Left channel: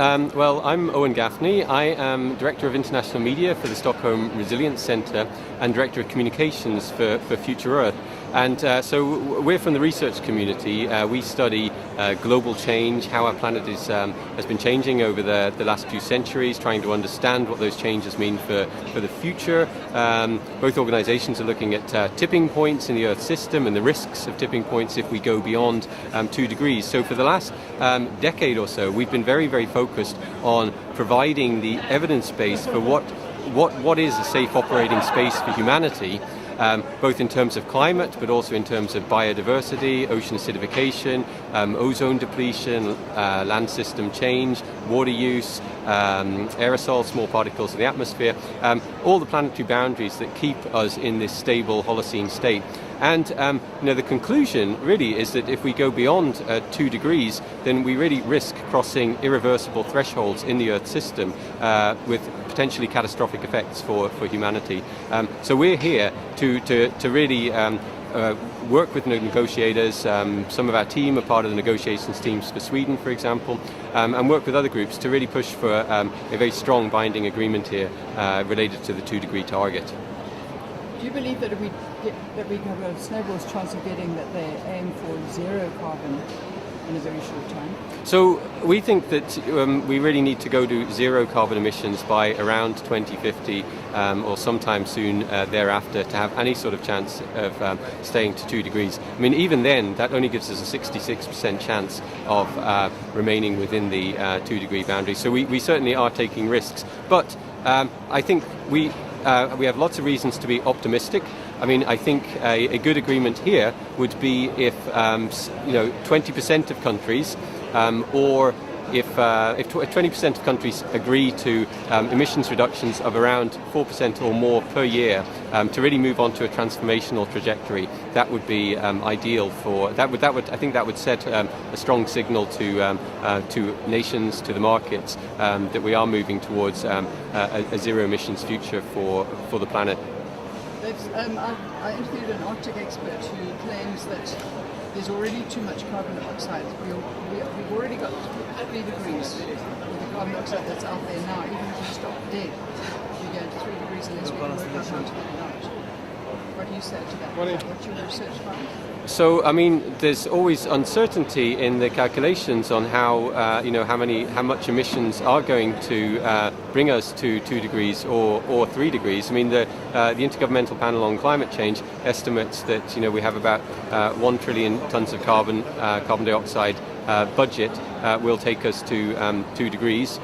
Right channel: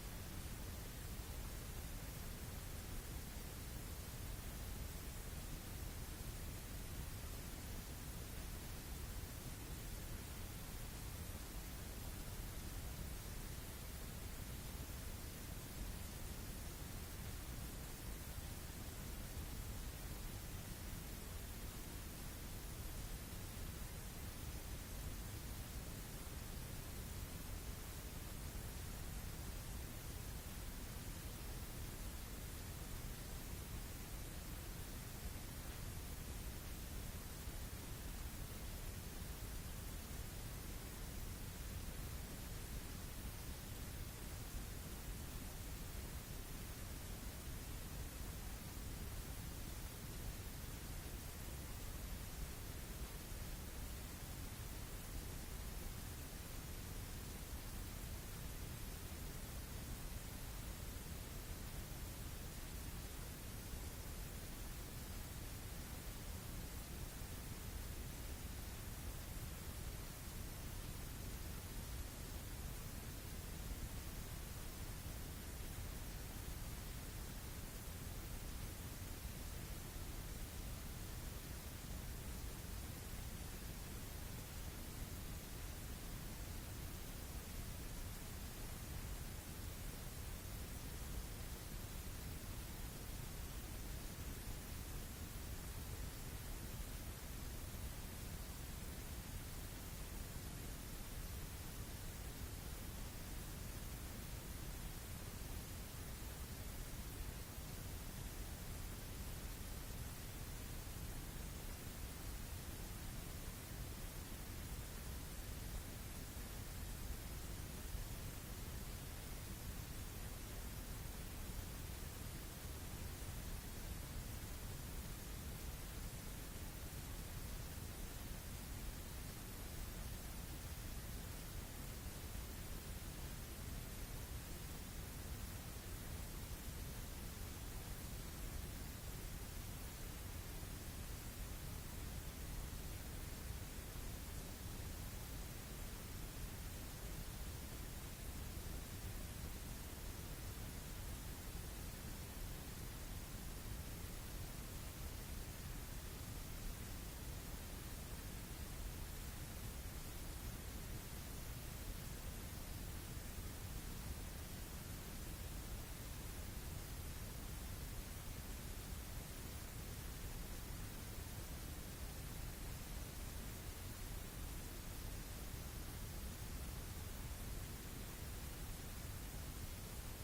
Well, I'm Owen Gaffney. I am Director of International Media for the Stockholm Resilience Centre and Director of Communications for Future Earth. And so we're from the research community. We study global change, how our planet has been changing over the last few centuries, trying to understand what those changes mean for the future. Both organisations are looking at tipping points in the Earth system and the risks of tipping points if we go beyond 2 degrees. So for the last decade or so, we've been very, very focused on providing the evidence base for what is a safe operating space for humanity, both in terms of climate, but also in terms of biodiversity, ocean acidification, ozone depletion, land system change, water use, aerosols, small particles in the atmosphere, all the planetary boundaries that keep us in this stable Holocene state. And the conclusion really is that if we go beyond 2 degrees, then we really risk crossing irreversible thresholds in the Earth system with potentially catastrophic effects for humanity. So we're here to really work with negotiators. Some of our team are part of the negotiations teams for Sweden, for example, and work with other groups to really push for a very strong binding agreement here related to the 2 degree target. Do you believe that we have a snowball's chance of getting that they aim for zero carbon in a very short time? So we think that we really need to go to zero carbon emissions by around 2050 or sometime soon thereafter to have any sort of chance of staying to 2 degrees. I mean, even then, that only gives us a 66% chance of remaining within the 2 degree boundary. So we certainly are taking risks. But I think we have lots of reasons to be optimistic. I mean, I think a good agreement here would be if 20% of countries, or if 20% of countries agree to emissions reductions of around 4% or more per year to really move on to a transformational trajectory. That would be ideal for that. I think that would set a strong signal to nations, to the markets, that we are moving towards a zero emissions future for the planet. I interviewed an Arctic expert who claims that there's already too much carbon dioxide. We've already got 3 degrees with the carbon dioxide that's out there now. Even if we stop dead, we go to 3 degrees unless we can work out how to get it out. What do you say to that? What's your research found? So, I mean, there's always uncertainty in the calculations on how much emissions are going to bring us to 2 degrees or 3 degrees. I mean, the Intergovernmental Panel on Climate Change estimates that we have about 1 trillion tons of carbon dioxide budget will take us to 2 degrees.